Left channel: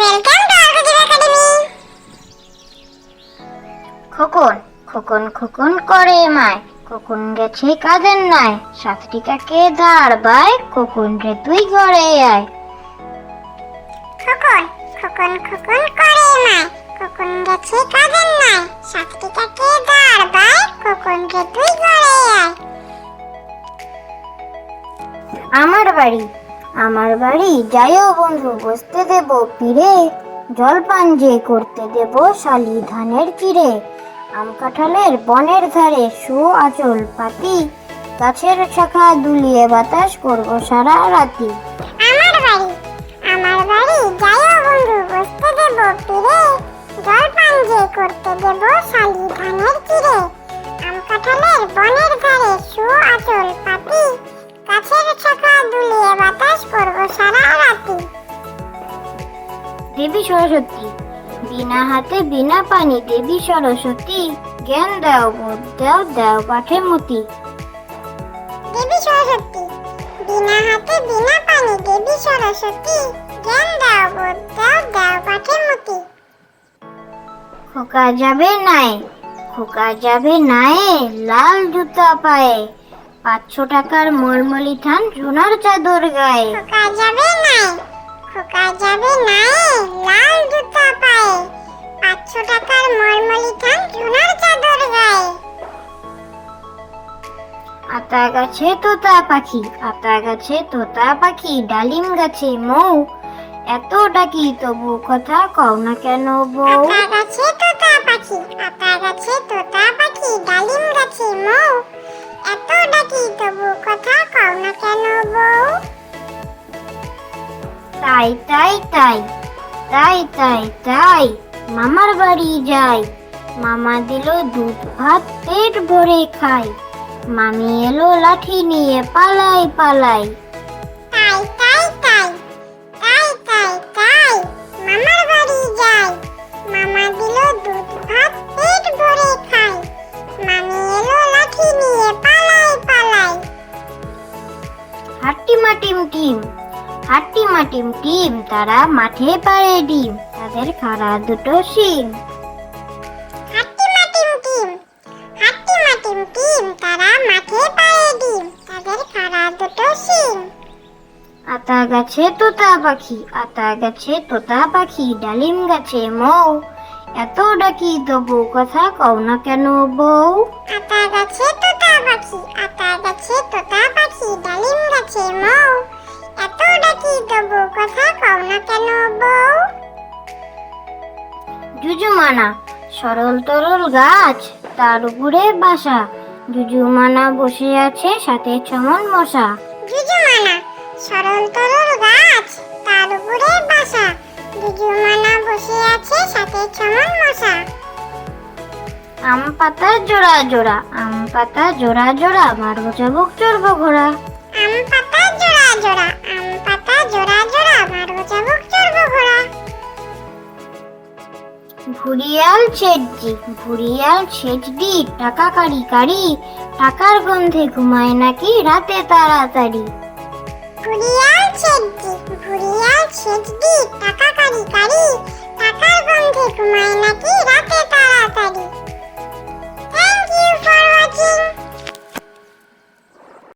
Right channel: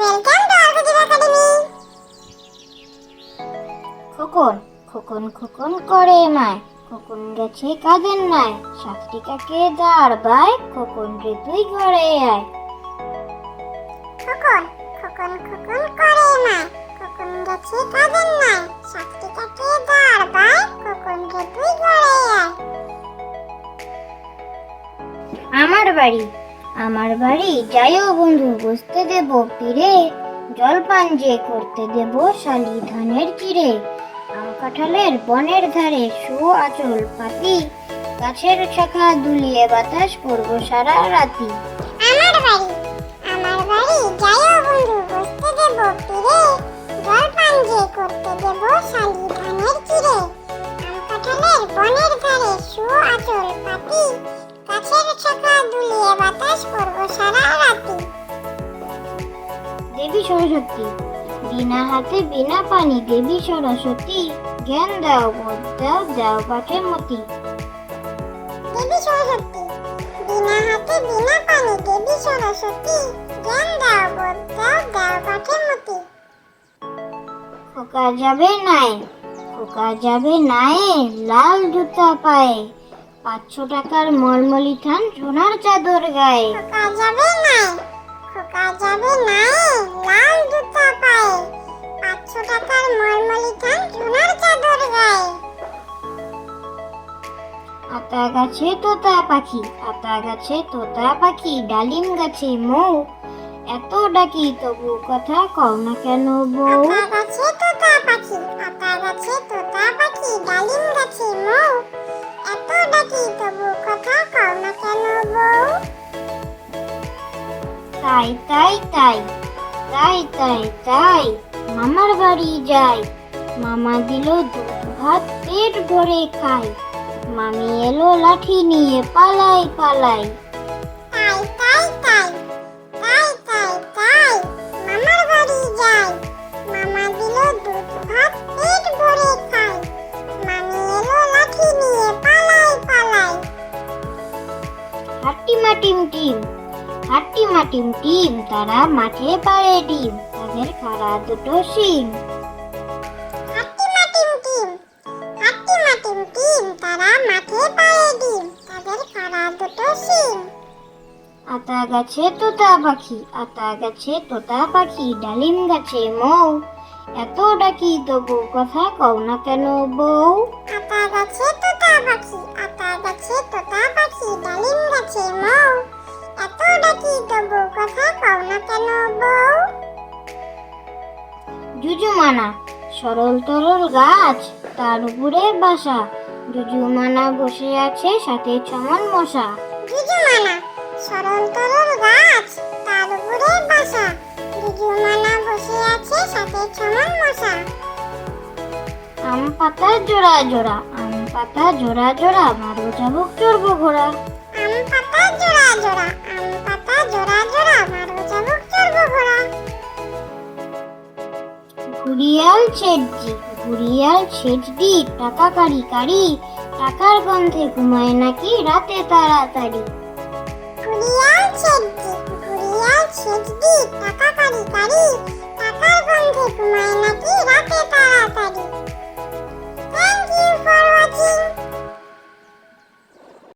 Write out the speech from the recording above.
Welcome to আরগোজিব academy. খোকন খোকন খোকন করে মায়, খোকন গেছে কাজের নাই, সাতটি কাকে দাঁড় বায়, খোকন রে তুই ঘরে আয়। খোকন খোকন খোকন করে মায়, খোকন গেছে কাজের নাই, সাতটি কাকে দাঁড় বায়, খোকন রে তুই ঘরে আয়। আমার বাড়ি যাইও বন্ধু, বসতে দেব পীরে, জলপান যে করতে দেব শালি ধানের চিড়ে। আম কাঁঠালের বনের ধারে শু আঁচল পাতি, গাছের শাখা দুলিয়ে বাতাস করব সারা রাতি। আমার বাড়ি যাইও বন্ধু, বসতে দেব পীরে, জলপান যে করতে দেব শালি ধানের চিড়ে। আম কাঁঠালের বনের ধারে শু আঁচল পাতি, গাছের শাখা দুলিয়ে বাতাস করব সারা রাতি। দেবী সরস্বতী বিনা হাতে বিনা পানি, দেবী সরস্বতী জ্ঞান দাও বোধ দাও, দাও পাঠে মতি। দেবী সরস্বতী বিনা হাতে বিনা পানি, দেবী সরস্বতী জ্ঞান দাও বোধ দাও, দাও পাঠে মতি। খোকা যাবে নাই, খোকা যাবে নাই, লাল জুতা পায়ে, 500 টাকার মলমলি থান সোনার চাদর গায়ে। খোকা যাবে নাই, খোকা যাবে নাই, লাল জুতা পায়ে, 500 টাকার মলমলি থান সোনার চাদর গায়ে। আতা গাছে তোতা পাখি, আতা গাছে তোতা পাখি, ডালিম গাছে মৌ, এত ডাকি তবু কথা কও না কেন বউ। আতা গাছে তোতা পাখি, আতা গাছে তোতা পাখি, ডালিম গাছে মৌ, এত ডাকি তবু কথা কও না কেন বউ। তাই তাই তাই তাই তাই তাই মামার বাড়ি যাই, মামা দিল দুধ ভাত পেট ভরে খাই, মামি এলো লাঠি নিয়ে পালাই পালাই। তাই তাই তাই তাই তাই তাই মামার বাড়ি যাই, মামা দিল দুধ ভাত পেট ভরে খাই, মামি এলো লাঠি নিয়ে পালাই পালাই। হাট্টিমা টিম টিম, হাট্টিমা টিম টিম, তারা মাঠে পাড়ে ডিম, তাদের খাড়া দুটো শিং। হাট্টিমা টিম টিম, হাট্টিমা টিম টিম, তারা মাঠে পায়ে ডিম, তাদের খাড়া দুটো শিং। আতা গাছে তোতা পাখি, আতা গাছে তোতা পাখি, ডালিম গাছে মৌ, এত ডাকি তবু কথা কও না কেন বউ। আতা গাছে তোতা পাখি, আতা গাছে তোতা পাখি, ডালিম গাছে মৌ, এত ডাকি তবু কথা কও না কেন বউ। জুজুমানা সরল তরল গাছ, তার উপরে বাসা, জুজুমানা বসে আছে সাথে চমন মশা। জুজুমানা সরল তরল গাছ, তার উপরে বাসা, জুজুমানা বসে আছে সাথে চমন মশা। আম পাতা জোড়া জোড়া, আম পাতা জোড়া জোড়া, মারবো চাবুক চড়বো ঘোড়া। আম পাতা জোড়া জোড়া, আম পাতা জোড়া জোড়া, মারবো চাবুক চড়বো ঘোড়া। ঘুরিয়াল ছেটজি, ঘুরিয়াল ছেটজি, টাকা কারি কারি, টাকার গন্ধে ঘুমায় নাকি রাতে তাড়াতাড়ি। ঘুরিয়াল ছেটজি, ঘুরিয়াল ছেটজি, টাকা কারি কারি, টাকার গন্ধে ঘুমায় নাকি রাতে তাড়াতাড়ি। Thank you for watching.